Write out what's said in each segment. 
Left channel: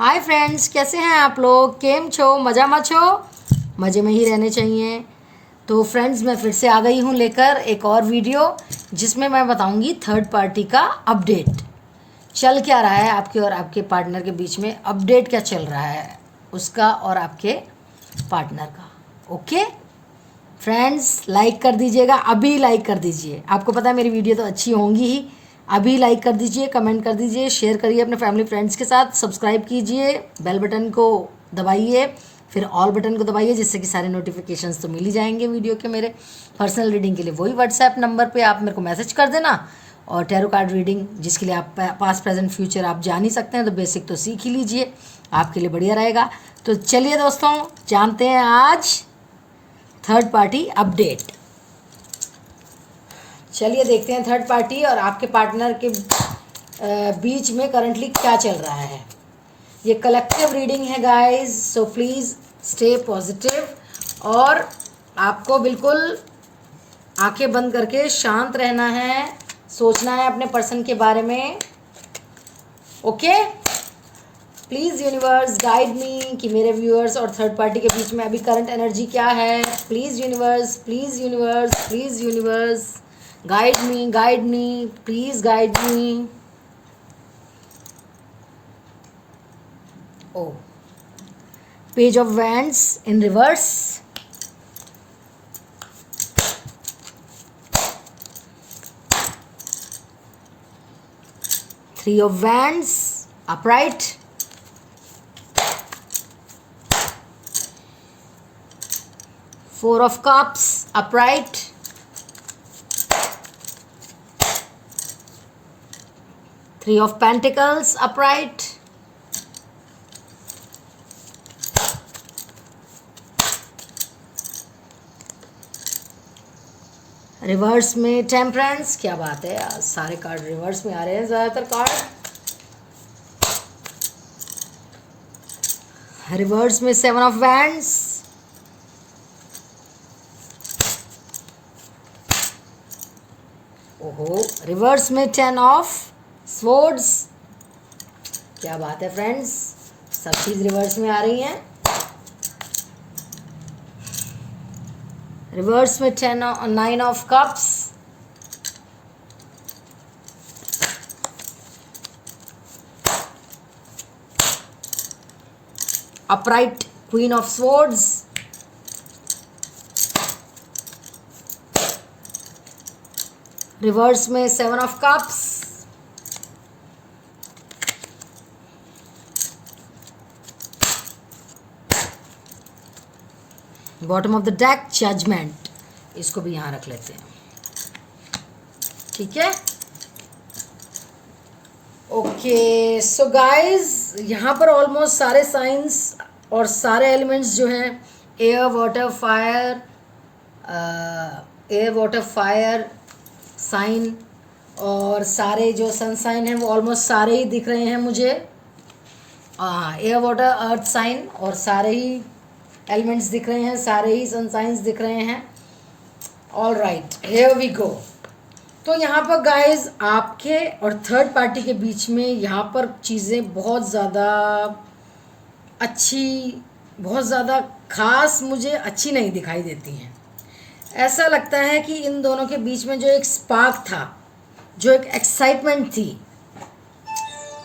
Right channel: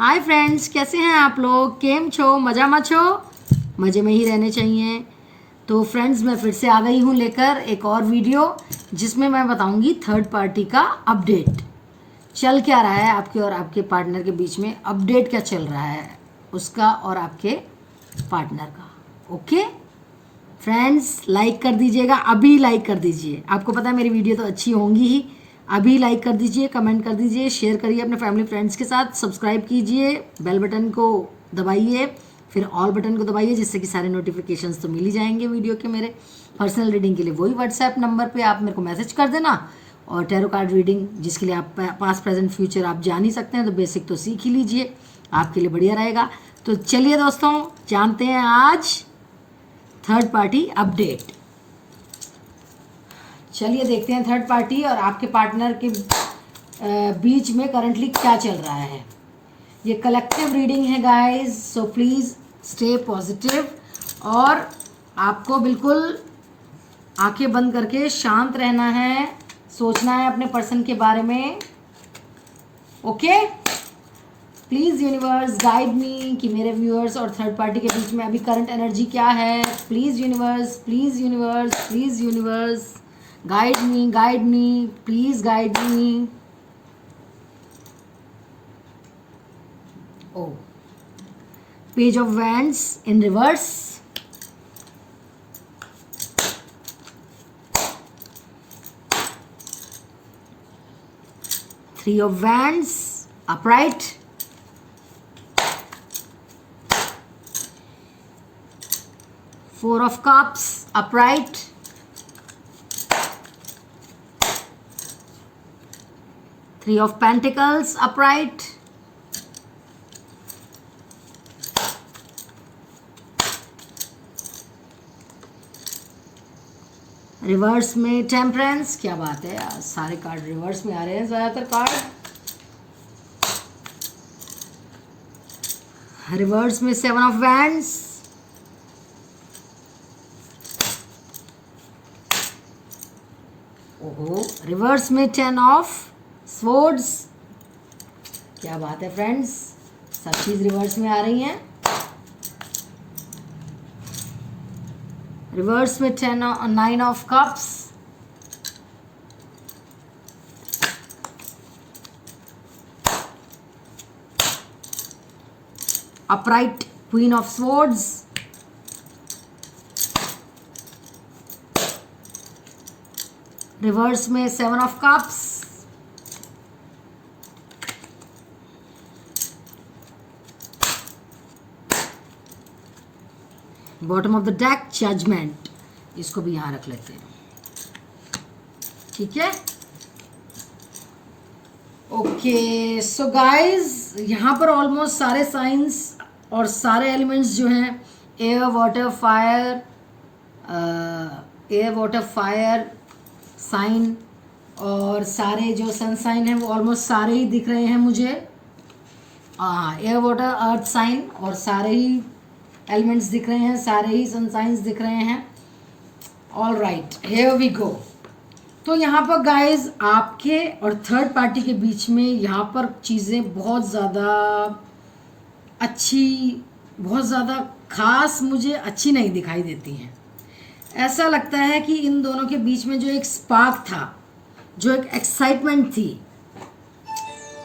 Hi friends, कैसे हैं आप लोग? केम छो? मज़ा छो? मज़े में ही रहने चाहिए। तो फ्रेंड्स, मैं फिर से आ गई हूँ लेकर एक और वीडियो जिसमें मैं बताऊँगी थर्ड पार्टी का अपडेट। चल क्या रहा है आपके और आपके पार्टनर के बीच में, अपडेट क्या चल रहा है उसका और आपके पार्टनर का। ओके फ्रेंड्स, लाइक कर दीजिएगा, अभी लाइक कर दीजिए। आपको पता है मेरी वीडियो तो अच्छी होंगी ही। अभी लाइक कर दीजिए, कमेंट कर दीजिए, शेयर करिए अपने फैमिली फ्रेंड्स के साथ, सब्सक्राइब कीजिए, बेल बटन को दबाइए, फिर ऑल बटन को दबाइए, जिससे कि सारे नोटिफिकेशंस तो मिल ही जाएंगे वीडियो के। मेरे पर्सनल रीडिंग के लिए वही व्हाट्सएप नंबर पे आप मेरे को मैसेज कर देना। और टैरो कार्ड रीडिंग जिसके लिए आप पास्ट प्रेजेंट फ्यूचर आप जान ही सकते हैं, तो बेसिक तो सीख ही लीजिए, आपके लिए बढ़िया रहेगा। तो चलिए दोस्तों, जानते हैं आज थर्ड पार्टी अपडेट। चलिए देखते हैं थर्ड पार्टी और आपके पार्टनर के बीच में करंटली क्या चल रहा है। ये कलेक्टिव रीडिंग है guys, so please stay positive और आपको बिल्कुल आंखें बंद करके शांत रहना है, सोचना है अपने पर्सन के बारे में। ओके, प्लीज़ यूनिवर्स गाइड मी कि मेरे व्यूअर्स और थर्ड पार्टी के बीच में अभी करंट एनर्जी क्या है। Please universe, please universe, please universe, guide me, please guide me. Oh, page of wands in reverse, three of wands upright, four of cups upright, three of pentacles upright, reverse में temperance. क्या बात है, आज सारे card reverse में आ रहे हैं ज़्यादातर कार्ड। रिवर्स में सेवन ऑफ वैंड्स, ओहो, रिवर्स में टेन ऑफ स्वॉर्ड्स। क्या बात है फ्रेंड्स, सब चीज़ रिवर्स में आ रही हैं। रिवर्स में nine of cups, upright queen of swords, reverse में seven of cups, bottom of the deck judgement. इसको भी यहां रख लेते हैं, ठीक है। ओके सो गाइस, यहाँ पर ऑलमोस्ट सारे साइंस और सारे एलिमेंट्स जो हैं, एयर वाटर फायर साइन, और सारे जो सन साइन हैं वो ऑलमोस्ट सारे ही दिख रहे हैं मुझे। एयर वाटर अर्थ साइन और सारे ही एलिमेंट्स दिख रहे हैं, सारे ही सन साइंस दिख रहे हैं। All right, here we go. तो यहाँ पर गाइज आपके और थर्ड पार्टी के बीच में यहाँ पर चीज़ें बहुत ज़्यादा अच्छी, बहुत ज़्यादा खास मुझे अच्छी नहीं दिखाई देती हैं। ऐसा लगता है कि इन दोनों के बीच में जो एक स्पार्क था, जो एक एक्साइटमेंट थी,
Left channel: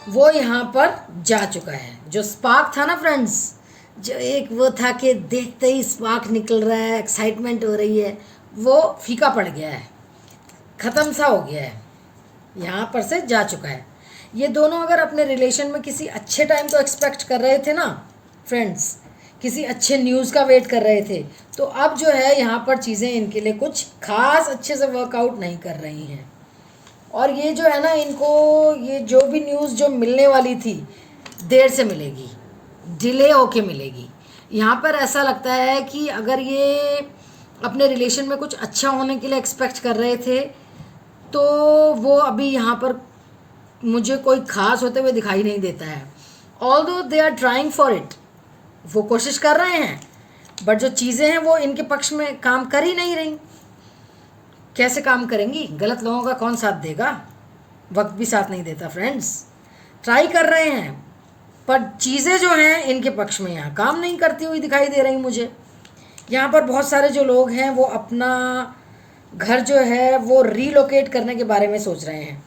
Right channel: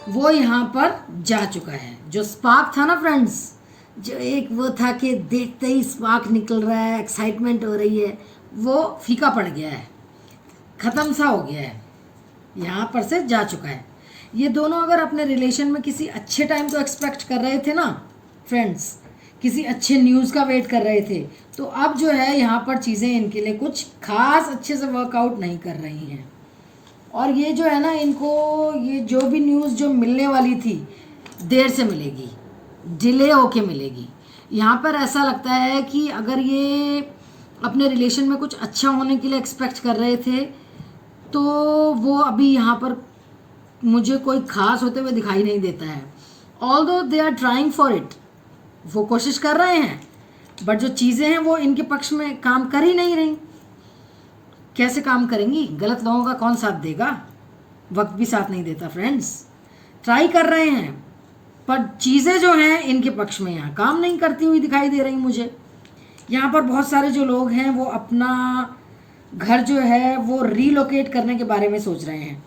वो यहाँ पर जा चुका है। जो स्पार्क था ना फ्रेंड्स, जो एक वो था कि देखते ही स्पार्क निकल रहा है, एक्साइटमेंट हो रही है, वो फीका पड़ गया है, ख़त्म सा हो गया है, यहाँ पर से जा चुका है। ये दोनों अगर अपने रिलेशन में किसी अच्छे टाइम को एक्सपेक्ट कर रहे थे ना फ्रेंड्स, किसी अच्छे न्यूज़ का वेट कर रहे थे, तो अब जो है यहाँ पर चीज़ें इनके लिए कुछ खास अच्छे से वर्कआउट नहीं कर रही हैं। और ये जो है ना, इनको ये जो भी न्यूज़ जो मिलने वाली थी, देर से मिलेगी, डिले होके मिलेगी। यहाँ पर ऐसा लगता है कि अगर ये अपने रिलेशन में कुछ अच्छा होने के लिए एक्सपेक्ट कर रहे थे, तो वो अभी यहाँ पर मुझे कोई खास होते हुए दिखाई नहीं देता है। Although they are trying for it, वो कोशिश कर रहे हैं, बट जो चीज़ें हैं वो इनके पक्ष में काम कर ही नहीं रही। कैसे काम करेंगी? गलत लोगों का कौन साथ देगा? वक्त भी साथ नहीं देता फ्रेंड्स। ट्राई कर रहे हैं पर चीज़ें जो हैं इनके पक्ष में यहाँ काम नहीं करती हुई दिखाई दे रही मुझे। यहाँ पर बहुत सारे जो लोग हैं वो अपना घर जो है वो रीलोकेट करने के बारे में सोच रहे हैं।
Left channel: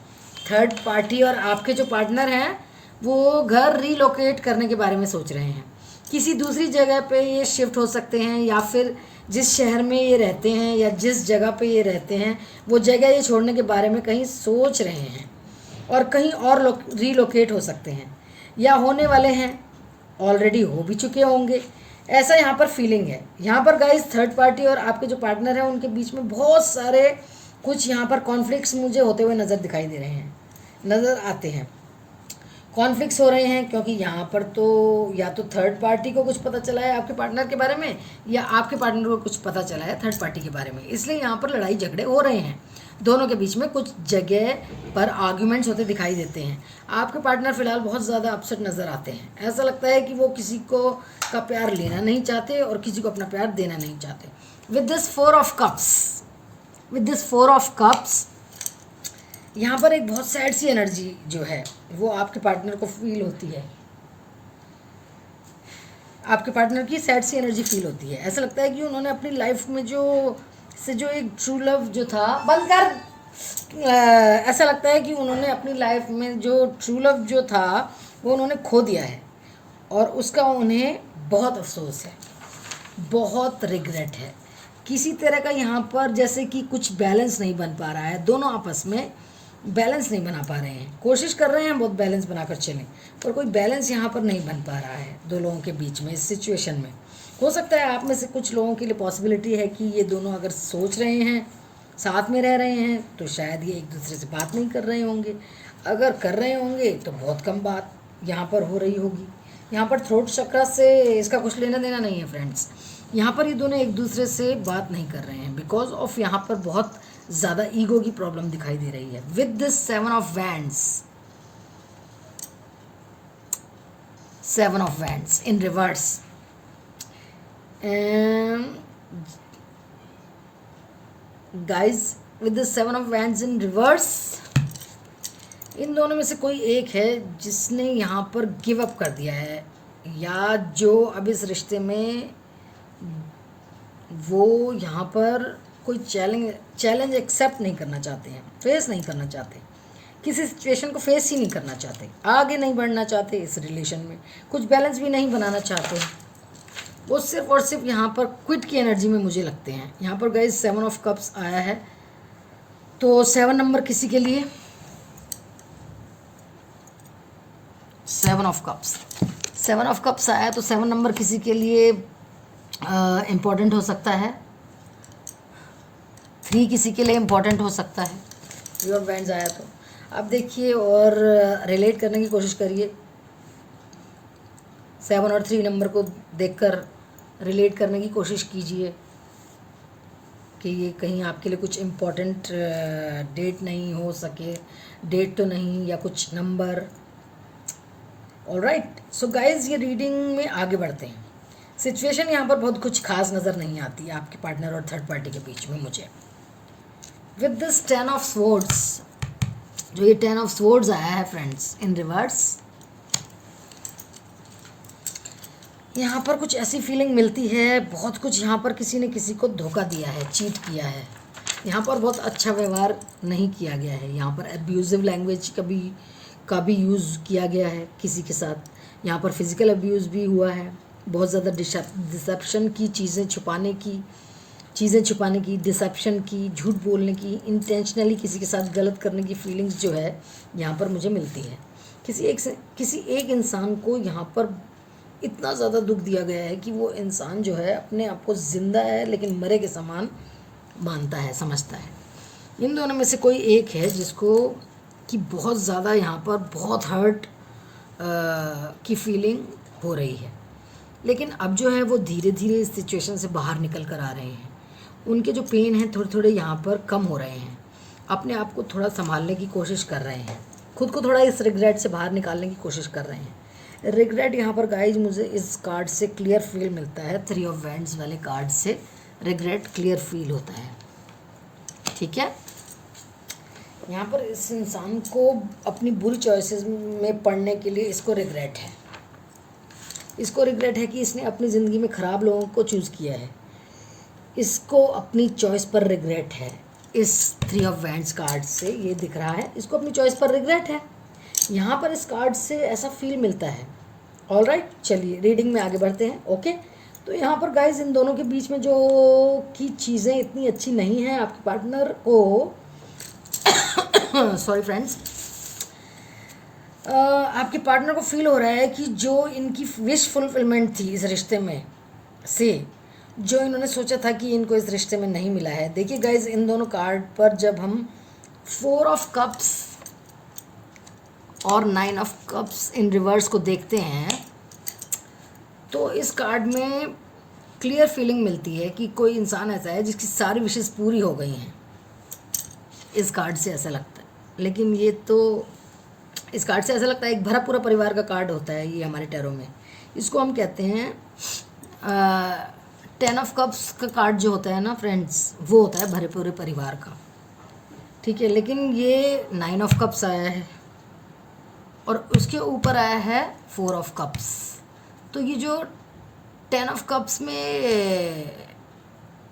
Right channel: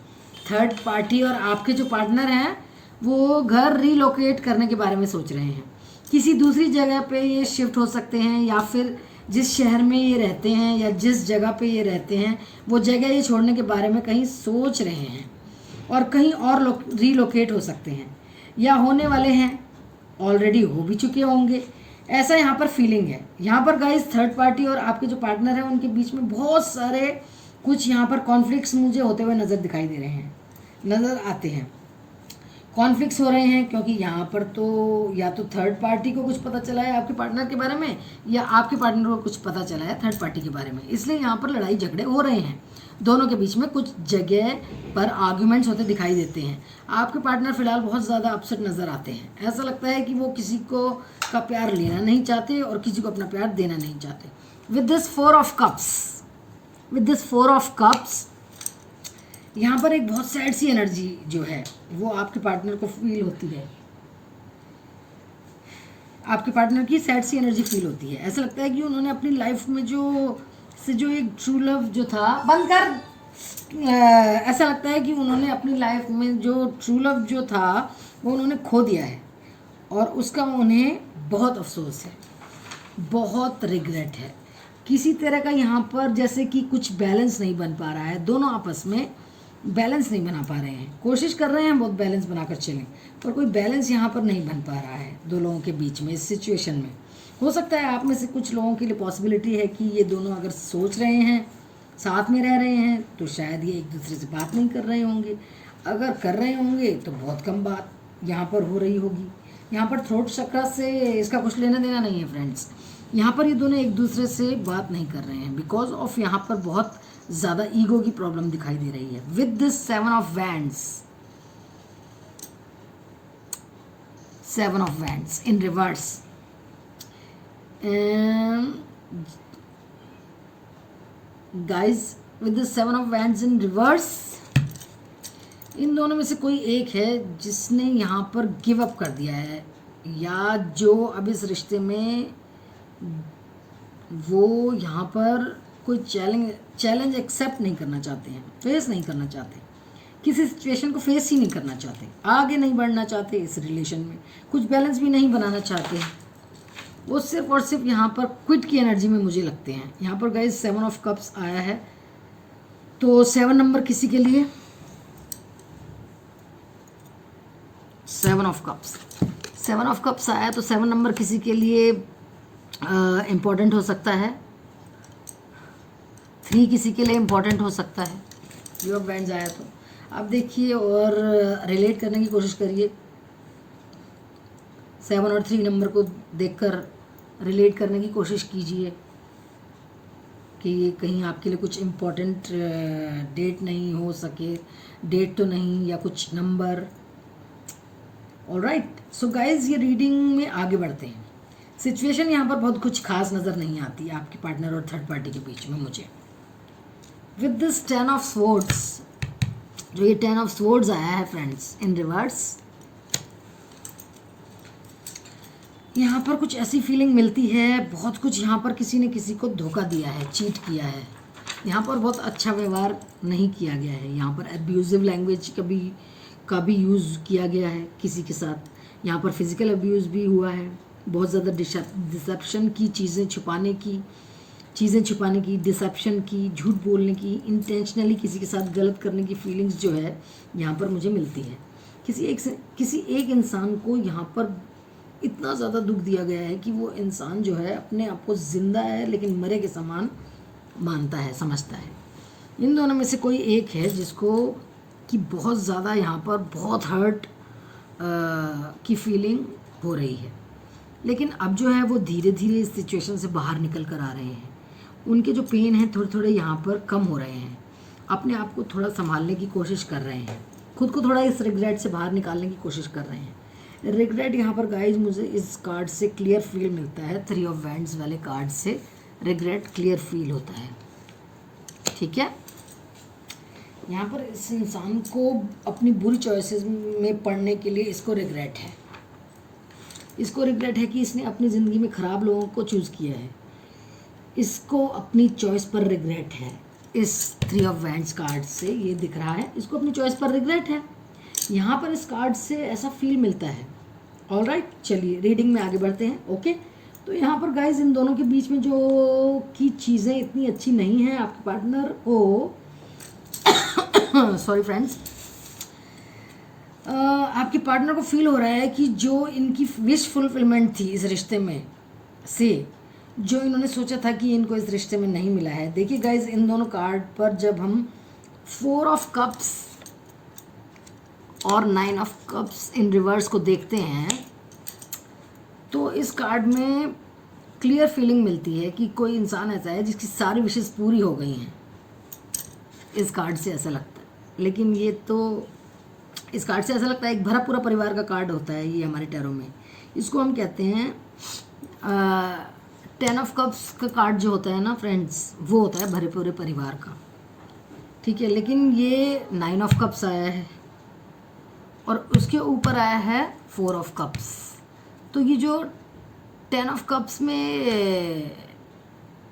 थर्ड पार्टी और आपके जो पार्टनर हैं वो घर रीलोकेट करने के बारे में सोच रहे हैं। किसी दूसरी जगह पे ये शिफ्ट हो सकते हैं, या फिर जिस शहर में ये रहते हैं या जिस जगह पे ये रहते हैं वो जगह ये छोड़ने के बारे में कहीं सोच रहे हैं, और कहीं और रीलोकेट हो सकते हैं या होने वाले हैं, ऑलरेडी हो भी चुके होंगे, ऐसा यहाँ पर फीलिंग है। यहाँ पर गाइस थर्ड पार्टी और आपके जो पार्टनर हैं उनके बीच में बहुत सारे कुछ यहाँ पर कॉन्फ्लिक्ट्स मुझे होते हुए नज़र आते हैं। कॉन्फ्लिक्ट्स हो रहे हैं क्योंकि यहाँ पर तो या तो थर्ड पार्टी को कुछ पता चला है आपके पार्टनर के बारे में, या आपके पार्टनर को कुछ पता चला है थर्ड पार्टी के बारे में, इसलिए यहाँ पर लड़ाई झगड़े हो रहे हैं। दोनों के बीच में कुछ जगह पर आर्ग्यूमेंट्स होते दिखाई देते हैं। आपके पार्टनर फिलहाल बहुत ज़्यादा अपसेट नज़र आते हैं। ऐसा लगता है कि वो किसी को का प्यार लेना नहीं चाहते और किसी को अपना प्यार देना नहीं चाहते। With this four of cups यहाँ पर एक बहुत सैड सी एनर्जी जो है वो आपके पार्टनर को फील होती है। आपके पार्टनर की सैड सी एनर्जी फील होती है। ऐसा लगता है कि उन्होंने अपनी लाइफ में जो एक ट्रू लव जो था ऐसा लगता है कि उन्होंने अपनी लाइफ में जो ट्रू लव जो था वो उन्होंने खो दिया है, और उसका उन्हें बहुत अफसोस है, बहुत रिग्रेट है। किसी तरह का यहाँ पर जैसे कि कुछ बैलेंस नहीं बन पा रहा है, दोनों आपस में बैलेंस नहीं बना पा रहे हैं। कोशिश कर रहे हैं बहुत बैलेंस बनाकर चलें, पर कोई बैलेंस यहाँ पर नहीं बन पा रहा है दो लोगों के बीच में। इस सिचुएशन में हो सकता है आप में से कुछ लोगों के लिए पॉसिबिलिटी है कि ये दोनों अगर सोच रहे हैं, साथ में रह रहे हैं, तो शायद ये एक दूसरे से बात नहीं कर रहे होंगे। अगर कर रहे होंगे तो बहुत कम बात यहाँ पर हो रही होगी। यहाँ पर थ्रोट चक्र से इसका कुछ लेना देना नहीं है फ्रेंड्स। यहाँ पर ये दोनों एक दूसरे से बात नहीं कर रहे हैं बिकॉज ऑफ यहाँ पर बहुत ज़्यादा ईगो की प्रॉब्लम दिखाई दे रही है। With this 7 of wands in reverse, and guys with this 7 of wands in reverse, इन दोनों में से कोई एक है जिसने यहाँ पर गिव अप कर दिया है, या जो अब इस रिश्ते में वो यहाँ पर कोई चैलेंज एक्सेप्ट नहीं करना चाहते हैं, फेस नहीं करना चाहते, किसी सिचुएशन को फेस ही नहीं करना चाहते, आगे नहीं बढ़ना चाहते इस रिलेशन में, कुछ बैलेंस भी नहीं बनाना चाहते। वो सिर्फ और सिर्फ यहाँ पर क्विट की एनर्जी में मुझे लगते हैं। यहाँ पर गाइस 7 ऑफ कप्स आया है, तो 7 नंबर किसी के लिए 7 ऑफ कप्स आया, तो 7 नंबर किसी के लिए इम्पोर्टेंट हो सकता है। 3 किसी के लिए इम्पोर्टेंट हो सकता है। 3 ऑफ वैंड्स आया तो अब देखिए और रिलेट करने की कोशिश करिए। 7 और 3 नंबर को देखकर रिलेट करने की कोशिश कीजिए कि ये कहीं आपके लिए कुछ इम्पोर्टेंट डेट नहीं हो सके, डेट तो नहीं या कुछ नंबर। ऑलराइट, सो गाइज ये रीडिंग में आगे बढ़ते हैं। सिचुएशन यहाँ पर बहुत कुछ खास नज़र नहीं आती है आपके पार्टनर और थर्ड पार्टी के बीच में मुझे। विद दिस 10 ऑफ स्वॉर्ड्स, जो ये 10 ऑफ स्वॉर्ड्स आया है फ्रेंड्स इन रिवर्स, यहाँ पर कुछ ऐसी फीलिंग मिलती है, बहुत कुछ यहाँ पर किसी ने किसी को धोखा दिया है, चीट किया है। यहाँ पर बहुत अच्छा व्यवहार नहीं किया गया है, यहाँ पर अब्यूजिव लैंग्वेज का भी यूज़ किया गया है किसी के साथ। यहाँ पर फिजिकल अब्यूज़ भी हुआ है, बहुत ज़्यादा डिसेप्शन की, चीज़ें छुपाने की, डिसेप्शन की, झूठ बोलने की, इंटेंशनली किसी के साथ गलत करने की फीलिंग्स जो है यहाँ पर मुझे मिलती है। किसी एक इंसान को यहाँ पर इतना ज़्यादा दुख दिया गया है कि वो इंसान जो है अपने आप को ज़िंदा है लेकिन मरे के समान मानता है, समझता है। इन दोनों में से कोई एक है जिसको कि बहुत ज़्यादा यहाँ पर बहुत हर्ट की फीलिंग हो रही है, लेकिन अब जो है वो धीरे धीरे इस सिचुएशन से बाहर निकल कर आ रहे हैं। उनके जो पेन हैं थोड़े थोड़े यहाँ पर कम हो रहे हैं, अपने आप को थोड़ा संभालने की कोशिश कर रहे हैं, खुद को थोड़ा इस रिग्रेट से बाहर निकालने की कोशिश कर रहे हैं। रिग्रेट यहाँ पर गाइज मुझे इस कार्ड से क्लियर फील मिलता है, 3 ऑफ वैंड्स वाले कार्ड से रिग्रेट क्लियर फील होता है। ठीक है, यहाँ पर इस इंसान को अपनी बुरी चॉइसेस में पड़ने के लिए इसको रिग्रेट है। इसको रिग्रेट है कि इसने अपनी ज़िंदगी में ख़राब लोगों को चूज़ किया है। इसको अपनी चॉइस पर रिग्रेट है। इस 3 ऑफ वैंड्स कार्ड से ये दिख रहा है, इसको अपनी चॉइस पर रिग्रेट है। यहाँ पर इस कार्ड से ऐसा फील मिलता है। ऑलराइट, चलिए रीडिंग में आगे बढ़ते हैं। ओके, तो यहाँ पर गाइज इन दोनों के बीच में जो की चीज़ें इतनी अच्छी नहीं हैं आपके पार्टनर को सॉरी फ्रेंड्स, आपके पार्टनर को फील हो रहा है कि जो इनकी विश फुलफिलमेंट थी इस रिश्ते में से, जो इन्होंने सोचा था कि इनको इस रिश्ते में नहीं मिला है। देखिए गाइज इन दोनों कार्ड पर जब हम 4 ऑफ कप्स और 9 ऑफ कप्स इन रिवर्स को देखते हैं तो इस कार्ड में क्लियर फीलिंग मिलती है कि कोई इंसान ऐसा है जिसकी सारी विशेष पूरी हो गई हैं। इस कार्ड से ऐसा लगता है, लेकिन ये तो इस कार्ड से ऐसा लगता है एक भरा पूरा परिवार का कार्ड होता है ये हमारे टैरो में। इसको हम कहते हैं 10 ऑफ कप्स का कार्ड जो होता है ना फ्रेंड्स, वो होता है भरे पूरे परिवार का, ठीक है। लेकिन ये 9 ऑफ कप्स आया है और उसके ऊपर आया है 4 ऑफ कप्स। तो ये जो 10 ऑफ कप्स में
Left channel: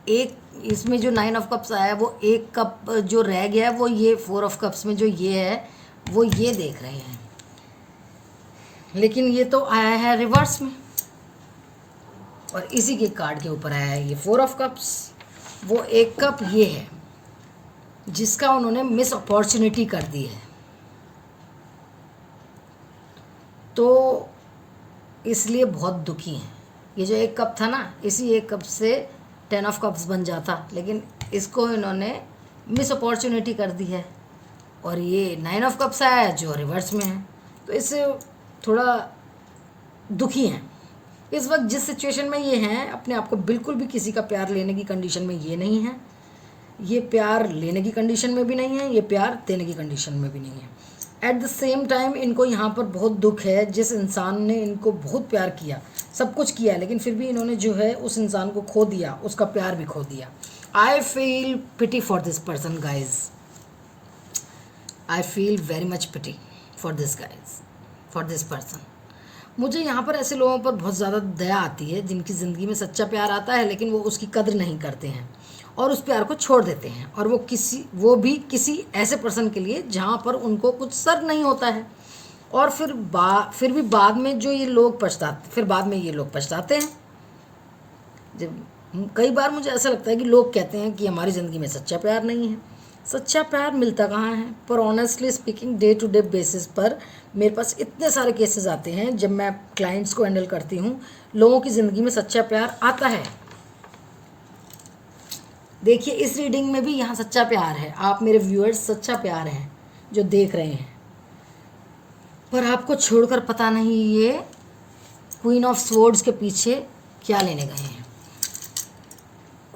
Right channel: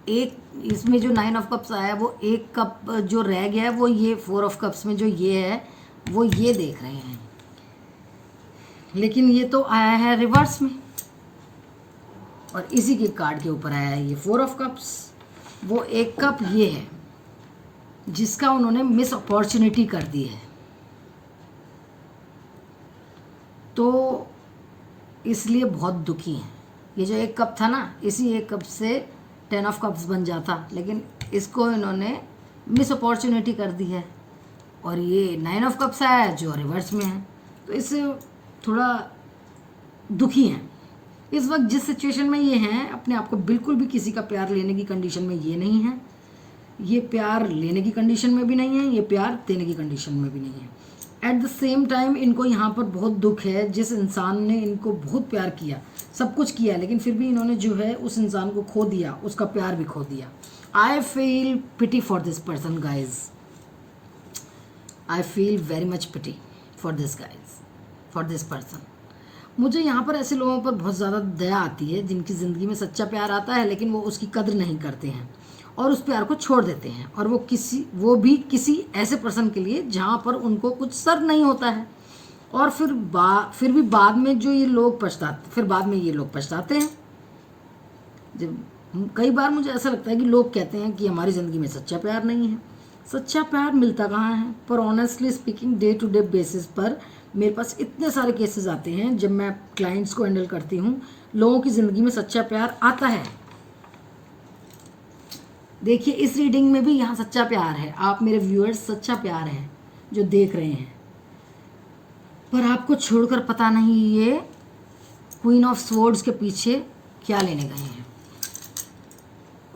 एक, इसमें जो 9 ऑफ कप्स आया है वो एक कप जो रह गया है वो ये 4 ऑफ कप्स में जो ये है वो ये देख रहे हैं, लेकिन ये तो आया है रिवर्स में और इसी के कार्ड के ऊपर आया है ये 4 ऑफ कप्स। वो एक कप ये है जिसका उन्होंने मिस अपॉर्चुनिटी कर दी है, तो इसलिए बहुत दुखी हैं। ये जो एक कप था ना, इसी एक कप से 10 ऑफ कप्स बन जाता, लेकिन इसको इन्होंने मिस अपॉर्चुनिटी कर दी है और ये 9 ऑफ कप्स आया है जो रिवर्स में है, तो इससे थोड़ा दुखी हैं इस वक्त। जिस सिचुएशन में ये हैं, अपने आप को बिल्कुल भी किसी का प्यार लेने की कंडीशन में ये नहीं है, ये प्यार लेने की कंडीशन में भी नहीं है, ये प्यार देने की कंडीशन में भी नहीं है। एट द सेम टाइम इनको यहाँ पर बहुत दुख है, जिस इंसान ने इनको बहुत प्यार किया, सब कुछ किया, लेकिन फिर भी इन्होंने जो है उस इंसान को खो दिया, उसका प्यार भी खो दिया। I feel pity for this person guys, I feel very much pity for this guys, for this person. मुझे यहाँ पर ऐसे लोगों पर बहुत ज़्यादा दया आती है जिनकी ज़िंदगी में सच्चा प्यार आता है लेकिन वो उसकी कद्र नहीं करते हैं और उस प्यार को छोड़ देते हैं, और वो भी किसी ऐसे पर्सन के लिए जहाँ पर उनको कुछ सर नहीं होता है, और फिर भी बाद में जो ये लोग पछताते हैं। जब कई बार मुझे ऐसा लगता है कि लोग कहते हैं कि हमारी ज़िंदगी में सच्चा प्यार नहीं है। सच्चा प्यार मिलता कहाँ है? पर honestly speaking day to day basis पर मेरे पास इतने सारे केसेस आते हैं जब मैं क्लाइंट्स को हैंडल करती हूँ, लोगों की ज़िंदगी में सच्चा प्यार आता है। देखिए इस रीडिंग में भी यहाँ सच्चा प्यार है, आप मेरे व्यूअर्स सच्चा प्यार हैं जो देख रहे हैं, पर आपको छोड़कर पता नहीं ये क्वीन ऑफ स्वॉर्ड्स के पीछे क्या लेने गए हैं,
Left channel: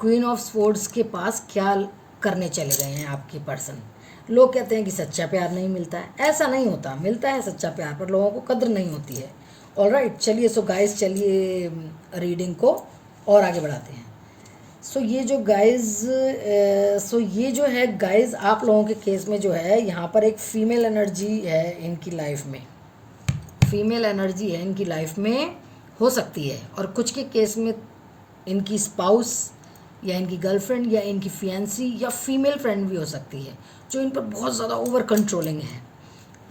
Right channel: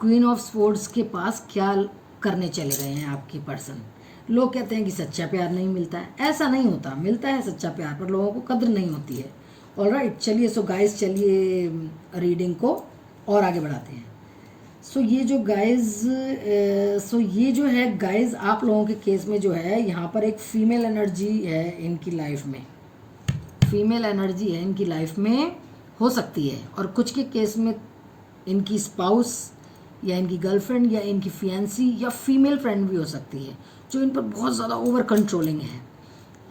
क्वीन ऑफ स्वॉर्ड्स के पास क्या करने चले गए हैं आपके पर्सन। लोग कहते हैं कि सच्चा प्यार नहीं मिलता है, ऐसा नहीं होता, मिलता है सच्चा प्यार, पर लोगों को कद्र नहीं होती है। ऑलराइट, चलिए सो गाइस, चलिए रीडिंग को और आगे बढ़ाते हैं। सो ये जो है गाइस आप लोगों के केस में जो है यहाँ पर एक फीमेल एनर्जी है इनकी लाइफ में, फीमेल एनर्जी है इनकी लाइफ में हो सकती है, और कुछ के केस में इनकी स्पाउस या इनकी गर्लफ्रेंड या इनकी फियांसी या फीमेल फ्रेंड भी हो सकती है जो इन पर बहुत ज़्यादा ओवर कंट्रोलिंग है।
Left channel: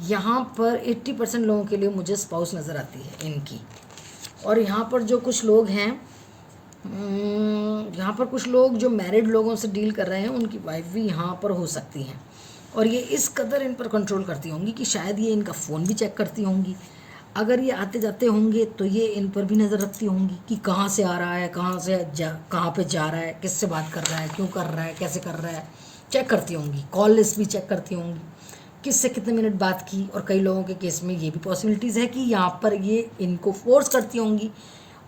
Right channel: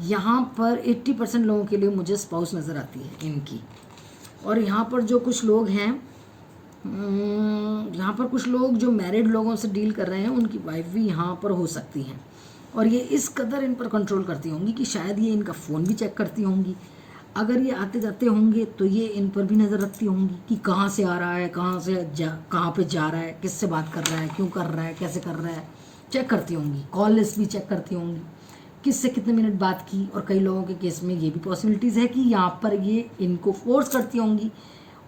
यहाँ पर 80% लोगों के लिए मुझे स्पाउस नज़र आती है इनकी, और यहाँ पर जो कुछ लोग हैं, यहाँ पर कुछ लोग जो मैरिड लोगों से डील कर रहे हैं उनकी वाइफ भी यहाँ पर हो सकती हैं, और ये इस कदर इन पर कंट्रोल करती होंगी कि शायद ये इनका फ़ोन भी चेक करती होंगी। अगर ये आते जाते होंगे तो ये इन पर भी नज़र रखती होंगी कि कहाँ से आ रहा है, कहाँ पे जा रहा है, किससे बात कर रहा है, क्यों कर रहा है, कैसे कर रहा है, चेक करती होंगी। कॉल लिस्ट भी चेक करती होंगी, किससे कितने मिनट बात की, और कई लोगों के केस में ये भी पॉसिबिलिटीज़ है कि यहाँ पर ये इनको फोर्स करती होंगी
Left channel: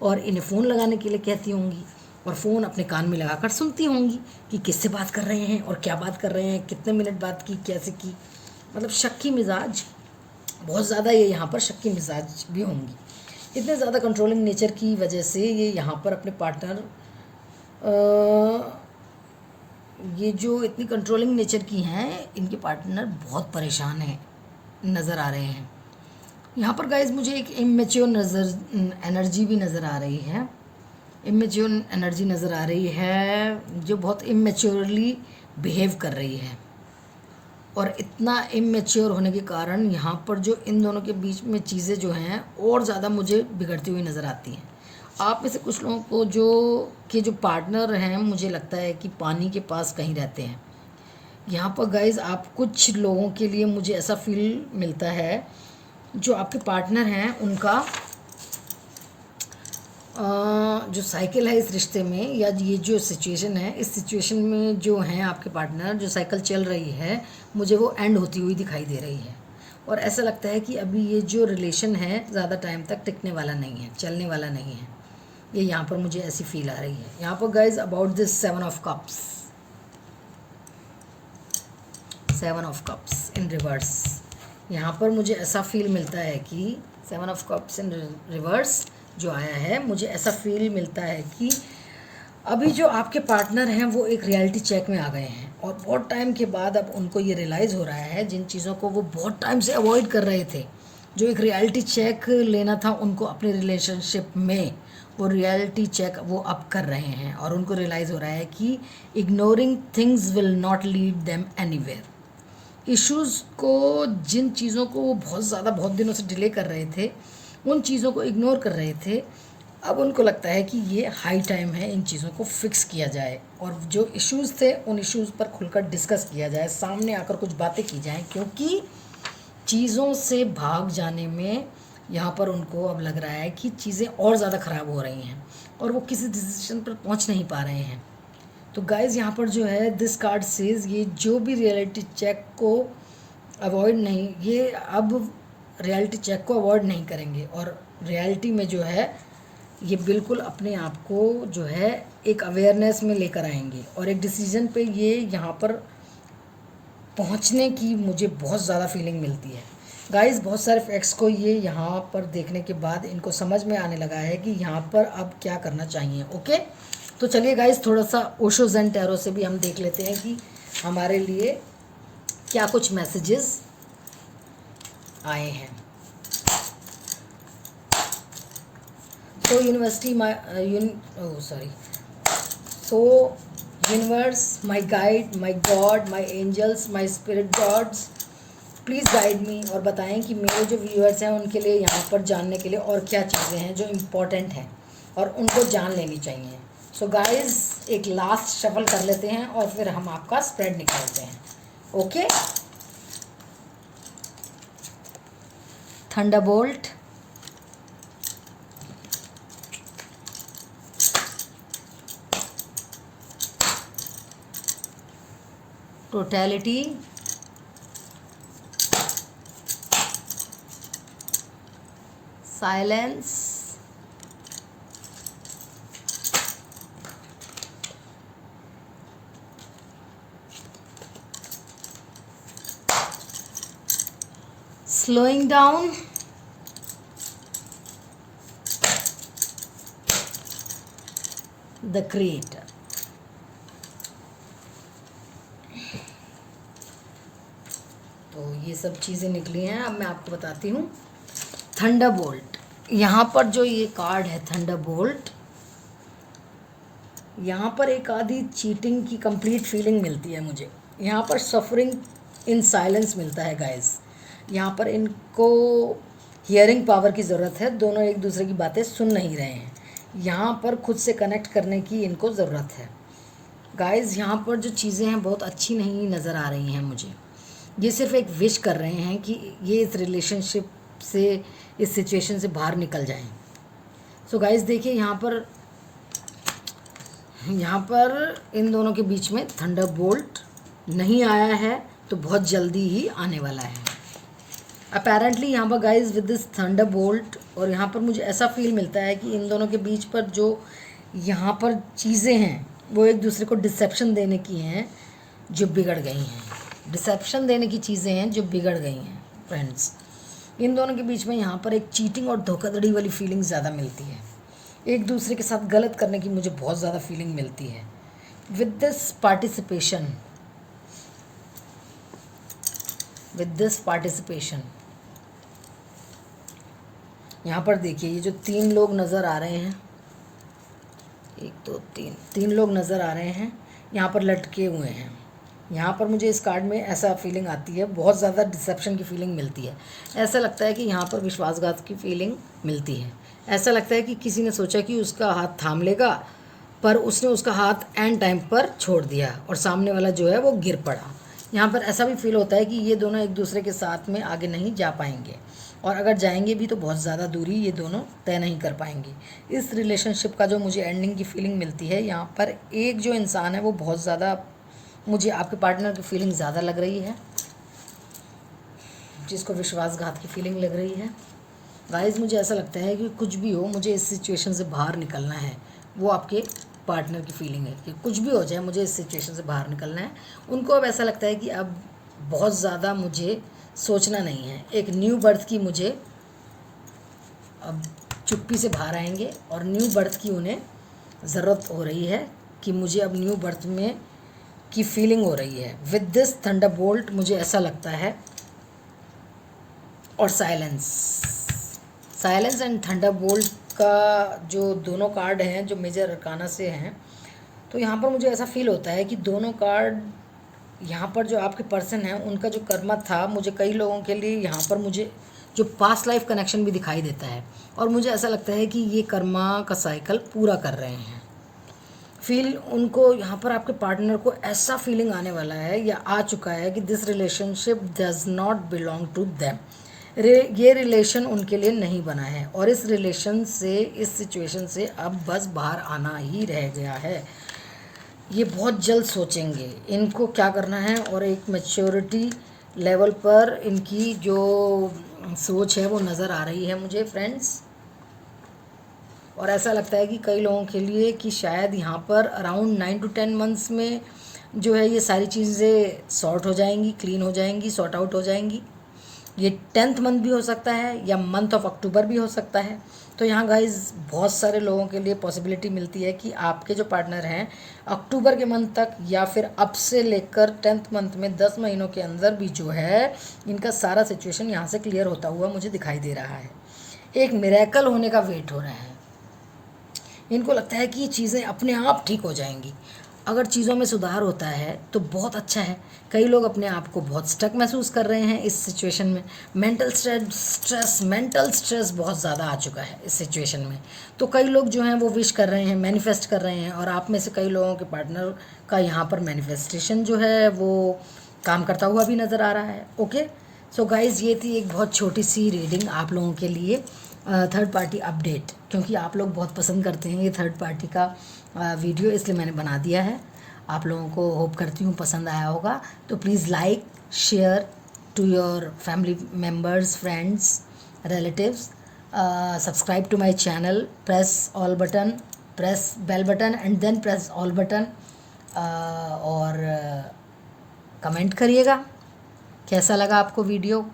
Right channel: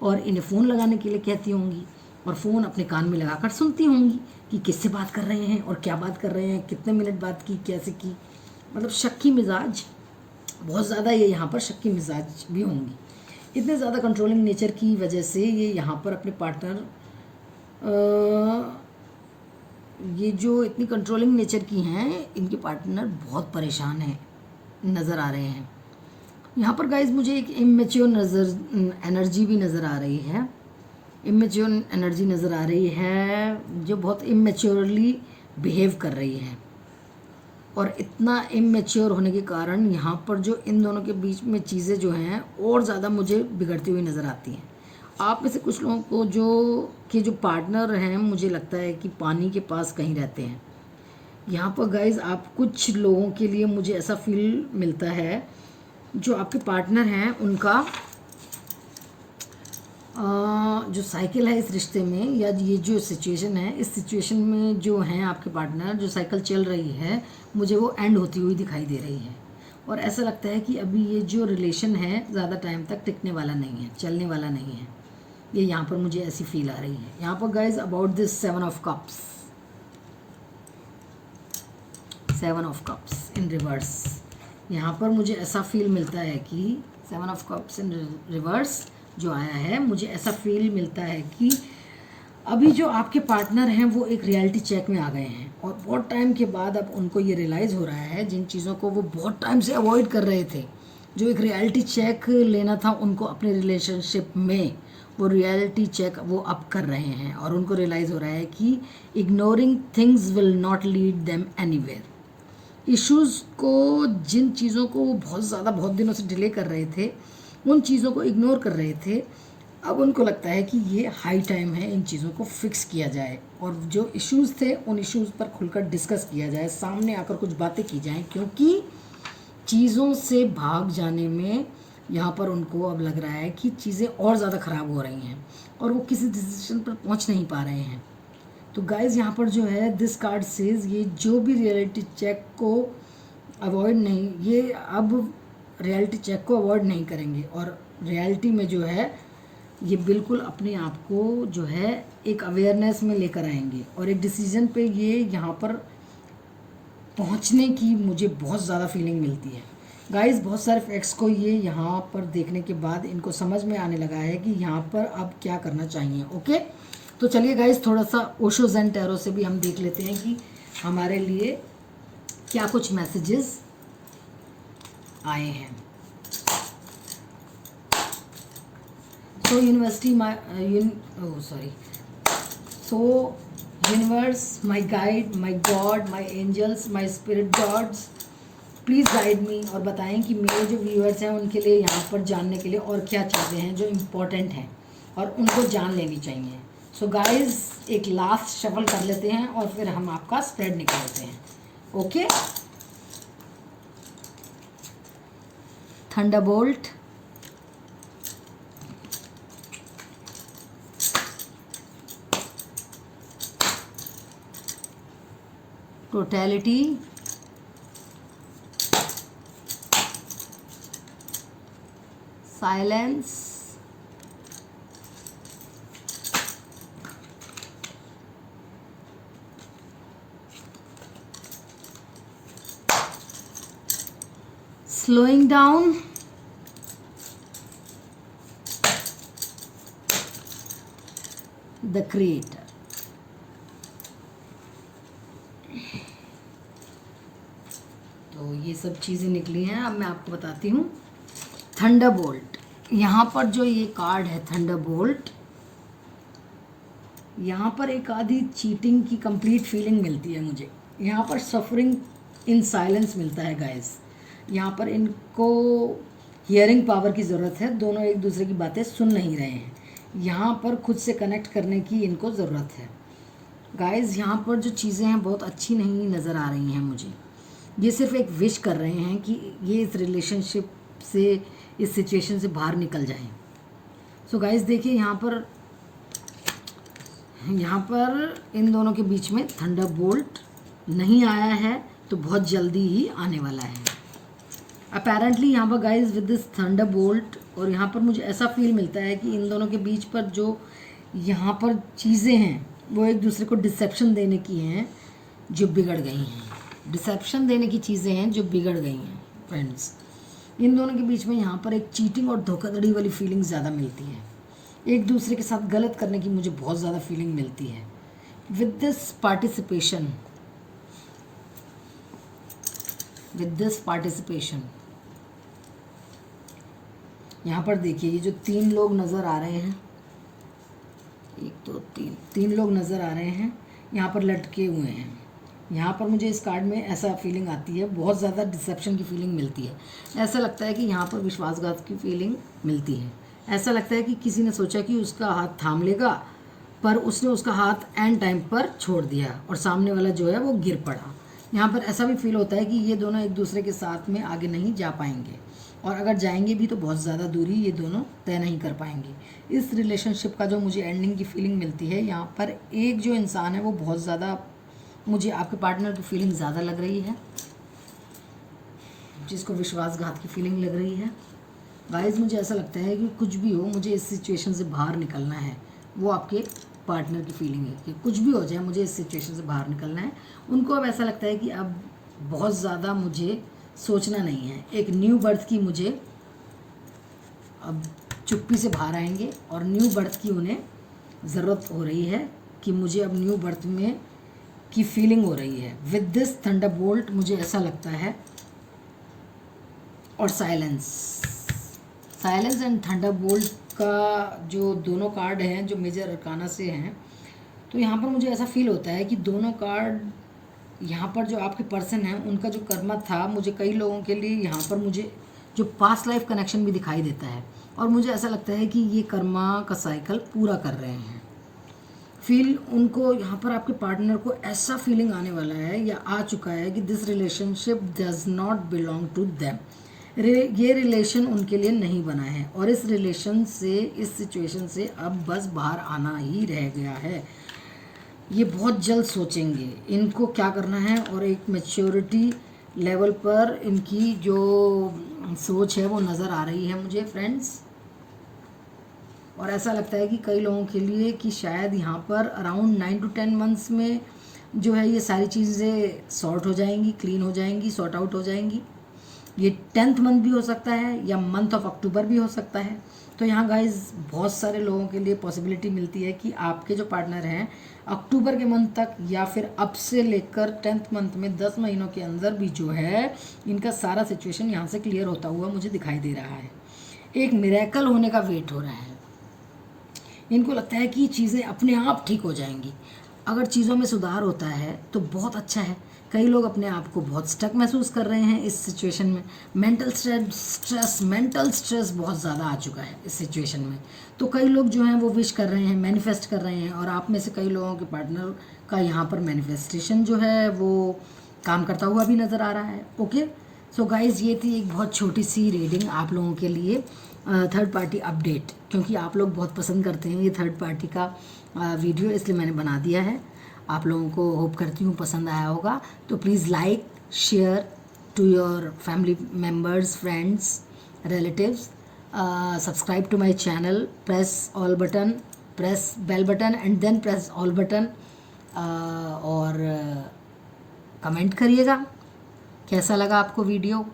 और इन्हें फ़ोन लगाने के लिए कहती होंगी, और फ़ोन अपने कान में लगाकर सुनती होंगी कि किससे बात कर रहे हैं और क्या बात कर रहे हैं, कितने मिनट बात की, कैसे की। मतलब शक्की मिजाज बहुत ज़्यादा, ये यहाँ पर शक्की मिजाज भी होंगी। इतने ज़्यादा कंट्रोलिंग नेचर की वजह से ये यहाँ पर अपने पार्टनर, ये जो इतनी कंट्रोलिंग नेचर की हैं, इनके पार्टनर बहुत परेशान हैं, नज़र आ रहे हैं। यहाँ पर गाइज मुझे एक इमेच्योर एनर्जी भी नज़र आ रही है। इमेच्योर एनर्जी नज़र आ रही है जो बहुत इमेच्योरली बिहेव कर रही है, और इतना इमेच्योर होने के कारण यहाँ पर जो इन दोनों के बीच में चीज़ें जो हैं और ज़्यादा मुझे बिगड़ती हुई नज़र आती हैं। आप में से कुछ लोगों को जो पार्टनर हैं, मुझे लगता है कि पानी के पास कहीं रहते हैं। यहाँ पर गाइज आप कुछ लोगों के लिए मुझे ऐसा फील मिलता है, जो आपके पार्टनर हैं उनका जो साइकिल है इस रिश्ते में, या ये जो सिचुएशन है, इस सिचुएशन में जो हैं आपके पार्टनर, जो साइकिल चल रही है, मुझे वो एंड होती हुई दिखाई दे रही है। और ऐसा लगता है कि अभी ये जो रिलेशन है ज़्यादा टाइम तक टिकने वाला नहीं है, चलने वाला नहीं है। ये यहाँ पर मुझे ऐसी फील आ रही है। यहाँ पर guys about this 7 of cups, 7 of cups in reverse, यहाँ पर मुझे ऐसा फील मिलता है कि 7 ऑफ कप्स इन रिवर्स जो आया है, मुझे ऐसा फील मिलता है कि अभी जो आपके पार्टनर हैं वो एक रियलिटी चेक में आ गए हैं, और बहुत टाइम के बाद अब उनको ये रियलाइज़ हो रहा है, जिन चीज़ों को वो बहुत टाइम से अवॉइड कर रहे थे, जो एक रियलिटी चेक लेना था उनको अपने रिलेशनशिप में, वो रियलिटी चेक वो अब कर रहे हैं, और उनको रियलाइज़ हो रहा है कि ignoring things will not lead them anywhere. Issues को, जिन चीज़ों को वो बहुत ज़्यादा बहुत दिनों से डिले कर रहे थे, उन चीज़ों को इग्नोर कर रहे थे, अब उनको लगता है कि ये हाई टाइम है इन चीज़ों को फिक्स किया जाए, और जो इश्यूज़ थे उन इश्यूज़ पर खुलकर डिस्कस किया जाए, सामने आकर कुछ बातें की जाएं, क्योंकि चीज़ों से भाग जाने में यहाँ पर उनको अब लग रहा है कि चीज़ें और ज़्यादा ख़राब हो रही हैं, और वो किसी डिसीजन पर पहुँच नहीं पा रहे हैं। तो गाइज़ यहाँ पर जो है दिस कार्ड सेज, ये जो भी रियलिटी चेक को अवॉइड नहीं, ये अब रियलिटी चेक को अवॉइड नहीं करेंगे, और रियलिटी में जो है ये बिल्कुल अपने आप को जो है एक अवेयरनेस में लेकर आएंगे, और एक डिसीजन पे ये यहाँ पर पहुँचने की मुझे बहुत ज़्यादा फीलिंग मिलती है। गाइस बहुत सारे फैक्ट्स को ये यहाँ पर देखने के बाद इनको समझ में आने लगा है कि यहाँ पर अब क्या करना चाहिए। ओके, तो चलिए गाइस थोड़ा सा ओशो ज़ेन टैरो से भी हम देख लेते हैं कि हमारे लिए क्या कुछ मैसेजेस आए हैं। So universe, my guide, my God, my angels, my spirit gods, please guide मी, और बताएं कि मेरे जो व्यूअर्स हैं उनके लिए यहाँ पर जानने के लिए और क्या चीज़ें हैं जो इम्पोर्टेंट हैं और उनको जान लेनी चाहिए। सो गाइज एक लास्ट शफल कर लेते हैं और फिर हम आपका स्प्रेड निकालते हैं। Okay, Thunderbolt, totality, silence, slowing down, the creator। तो ये सब चीज़ें निकली हैं। अब मैं आपको बताती हूँ थंडरबोल्ट। यहाँ पर जो ये कार्ड है थंडरबोल्ट, यहाँ पर एक आधी चीटिंग की कंप्लीट फीलिंग मिलती है मुझे। यहाँ पर सफरिंग इन साइलेंस मिलता है गाइस। यहाँ पर इनको हियरिंग पावर की ज़रूरत है, दोनों एक दूसरे की बातें सुन नहीं रहे हैं। यहाँ पर खुद से कनेक्ट करने की इनको ज़रूरत है गाइस। यहाँ पर जो चीज़ें हैं बहुत अच्छी नहीं नज़र आ रही हैं मुझे। ये सिर्फ एक विश कर रहे हैं कि ये इस रिलेशनशिप से, इस सिचुएशन से बाहर निकल जाएं। सो गाइस देखिए यहाँ पर इन दोनों के बीच में थंडरबोल्ट नहीं आया है, तो बहुत जल्दी ही आने वाला है अपेरेंटली यहाँ पर गाइस विद दिस थंडरबोल्ट। और यहाँ पर मुझे ऐसा फील मिलता है कि इन दोनों के बीच पर जो यहाँ पर चीज़ें हैं वो एक दूसरे को डिसेप्शन देने की हैं जो बिगड़ गई हैं। डिसेप्शन देने की चीज़ें हैं जो बिगड़ गई हैं फ्रेंड्स। इन दोनों के बीच में यहाँ पर एक चीटिंग और धोखाधड़ी वाली फीलिंग ज़्यादा मिलती है। एक दूसरे के साथ गलत करने की मुझे बहुत ज़्यादा फीलिंग मिलती है। विद दिस पार्टिसिपेशन यहाँ पर देखिए ये जो 3 लोग नज़र आ रहे हैं, 1 2 3, 3 लोग नज़र आ रहे हैं, यहाँ पर लटके हुए हैं। यहाँ पर मुझे इस कार्ड में ऐसा फीलिंग आती है, बहुत ज़्यादा डिसेप्शन की फीलिंग मिलती है। ऐसा लगता है कि यहाँ पर विश्वासघात की फीलिंग मिलती है। ऐसा लगता है कि किसी ने सोचा कि उसका हाथ थाम लेगा, पर उसने उसका हाथ एंड टाइम पर छोड़ दिया और सामने वाला जो है वो गिर पड़ा। यहाँ पर ऐसा भी फील होता है कि ये दोनों एक दूसरे के साथ में आगे नहीं जा पाएंगे, और अगर जाएंगे भी तो बहुत ज़्यादा दूरी ये दोनों तय नहीं कर पाएंगे। इस रिलेशनशिप का जो मुझे एंडिंग की फीलिंग मिलती है, यहाँ पर एक जो इंसान है वो बहुत ज़्यादा, मुझे आपके पार्टनर की फीलिंग ज़्यादा लग रही है, जिसको विश्वासघात की फीलिंग लग रही है। गाइस मुझे ऐसा लगता है कि कुछ भी हो, मुझे इस सिचुएशन से बाहर निकलना है। वो आपके पार्टनर की फीलिंग है कि कुछ भी हो जाए मुझे इस सिचुएशन से बाहर निकलना है। उनको अब ऐसा लगता है कि अब बहुत ज़्यादा मुझे सोचना नहीं है, एक न्यू बर्थ की मुझे अब चुप्पी से बाहर आएंगे, और न्यू बर्थ की उन्हें ज़रूरत हो रही है कि मुझे अब न्यू बर्थ में की फीलिंग हो रही है। विद दिस थंडरबोल्ट मुझे ऐसा लगता है, और साइलेंस एंड थंडरबोल्ट का जो दोनों कार्ड हैं जो मेजर अरकाना से हैं, तो यहाँ पर मुझे ऐसा फील होता है कि दोनों कार्ड यहाँ पर जो आपके पर्सन हैं उनका जो कर्मा था, मुझे कई लोगों के लिए यहाँ पर मुझे जो पास्ट लाइफ कनेक्शन भी दिखाई देता है, और मुझे ऐसा लगता है कि ये कर्मा का साइकिल पूरा कर रहे हैं। फील उनको यहाँ पर आपके पार्टनर को ऐसा फीलिंग आने वाला है या आ चुका है कि this relationship does not belong to them. ये रिलेशन उनके लिए नहीं बना है, और इस रिलेशन से, इस सिचुएशन से अब बस बाहर आना ही रह गया है। ये बहुत जल्द सोचेंगे इनको क्या करना है, और एक मैच्योरिटी लेवल पर इनकी जो सोच है वो नज़र आ रही है मुझे फ्रेंड्स। और ऐसा लगता है कि कई लोगों के लिए कि शायद यहाँ पर अराउंड 9 to 10 मंथ्स में जो है ये सारी चीज़ें सॉर्ट हो जाएंगी, क्लीन हो जाएंगी, सॉर्ट आउट हो जाएंगी। ये 10th मंथ भी हो सकता है या मंथ ऑफ अक्टूबर भी हो सकता है। तो यहाँ गाइज बहुत सारे लोगों के लिए पॉसिबिलिटी मिलती है कि आपके जो पार्टनर हैं अक्टूबर के मंथ तक या फिर अब से लेकर 10th मंथ में 10 महीनों के अंदर भी जो है इनका सारा सिचुएशन यहाँ से क्लियर होता हुआ मुझे दिखाई दे रहा है। एक मिरेकल होने का वेट हो रहा है। इनको लगता है कि चीज़ें अपने आप ठीक हो जाएंगी। अगर चीज़ों में सुधार होता है तो बहुत अच्छा है। कई लोग अपने आप को बहुत स्टक महसूस कर रहे हैं इस सिचुएशन में। मेंटल स्ट्रेस बहुत ज़्यादा आ चुका है इस सिचुएशन में। तो कई लोग जो हैं वो विश कर रहे हैं, मैनिफेस्ट कर रहे हैं, और आप में से कई लोगों के पार्टनर का यहाँ पर मैनिफेस्टेशन जो है वो काम करता हुआ भी नज़र आ रहा है। ओके, सो गाइज़ ये थी एक बहुत छोटी सी रीडिंग आप लोगों के लिए, थर्ड पार्टी अपडेट, क्योंकि आप लोग बहुत पसंद करते हैं ये थर्ड पार्टी का वीडियो, इसलिए मैंने बना दिया है। आप लोगों को होप करती हूँ पसंद आया होगा। तो please like, share to your family members, friends, relatives, subscribe to my channel, press all button, press bell button and then press all button, और कमेंट करिएगा कैसा लगा आपको वीडियो,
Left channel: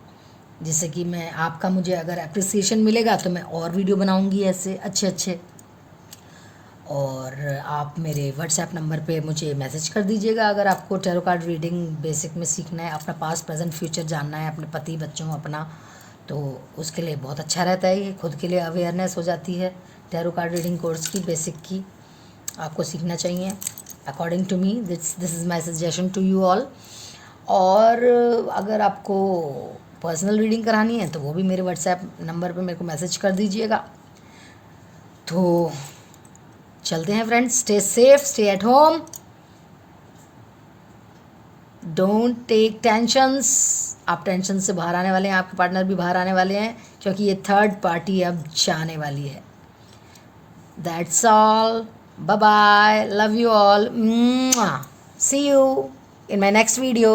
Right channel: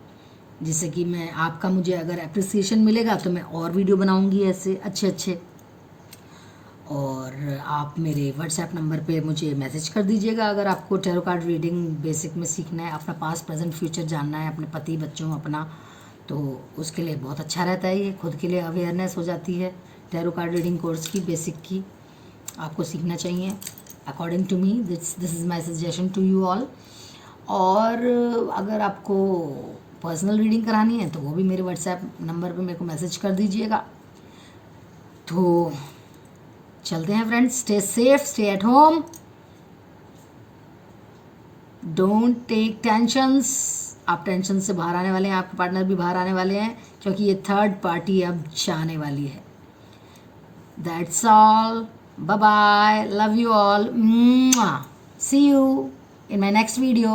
जिससे कि मैं आपका मुझे अगर अप्रिसिएशन मिलेगा तो मैं और वीडियो बनाऊंगी ऐसे अच्छे। और आप मेरे व्हाट्सएप नंबर पे मुझे मैसेज कर दीजिएगा अगर आपको टैरो कार्ड रीडिंग बेसिक में सीखना है, अपना पास्ट प्रेजेंट फ्यूचर जानना है, अपने पति बच्चों अपना, तो उसके लिए बहुत अच्छा रहता है। ये खुद के लिए अवेयरनेस हो जाती है। टैरो कार्ड रीडिंग कोर्स की बेसिक की आपको सीखना चाहिए according to me, this is my suggestion to you all. और अगर आपको पर्सनल रीडिंग करानी है तो वो भी मेरे व्हाट्सएप नंबर पे मेरे को मैसेज कर दीजिएगा। तो चलते हैं friends, stay safe, stay at home, don't take tensions. आप टेंशन से बाहर आने वाले हैं, आपके पार्टनर भी बाहर आने वाले हैं, क्योंकि ये थर्ड पार्टी अब जाने वाली है। That's all, bye bye, love you all, see you in my next video.